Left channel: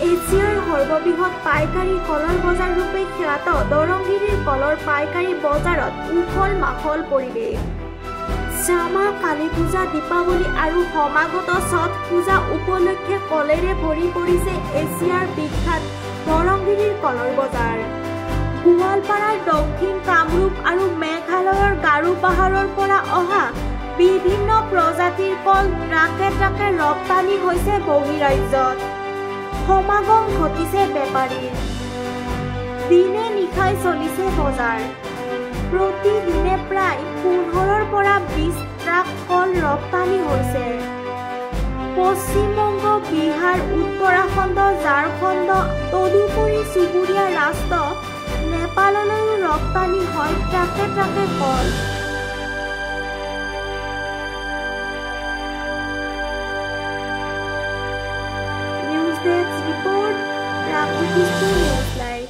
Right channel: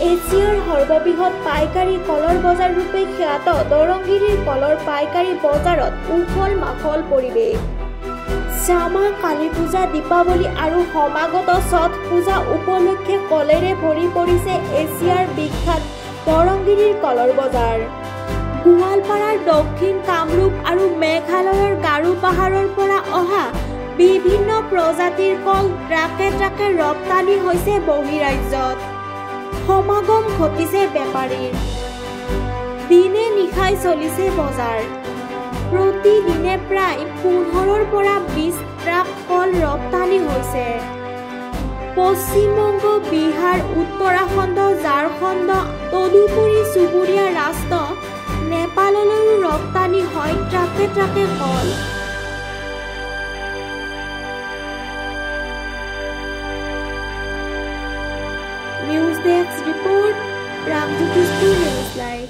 এছিয়াৰ সৰ্ববৃহৎ পাইকাৰী কলৰ বজাৰ ৰূপে খ্যাত দৰংগিৰিৰ কলৰ পাইকাৰী বজাৰত উখল মাখল পৰিৱেশ। শ্যামা কালী পূজা, দীপাৱলী আৰু সমাগত ছট পূজা উপলক্ষে কলেৰে ভৰি পৰিছে এছিয়াৰ বিখ্যাত দৰংগিৰিৰ কলৰ বজাৰ। গোৱালপাৰাৰ দক্ষিণ কামৰূপ আৰু মেঘালয়ৰ গাৰো পাহাৰৰ পৰা অহা বিভিন্ন প্ৰজাতিৰ কল ট্ৰাকে ট্ৰাকে ৰপ্তানি হৈছে বহিৰাজ্যত। সমাগম ঘটিছে বেপাৰীৰ। দিনে নিশাই চলিছে বজাৰ। প্ৰতিদিনে প্ৰায় 15ৰ পৰা 20 ট্ৰাক কল ৰপ্তানি হৈছে। পশ্চিমবংগ, বিহাৰ, উত্তৰাখণ্ড, ঝাৰখণ্ড তদুপৰি চুবুৰীয়া ৰাষ্ট্ৰ নেপাললৈও ৰপ্তানি হয় ট্ৰাকে ট্ৰাকে কল। News desk report, Ramjyotishpur news live.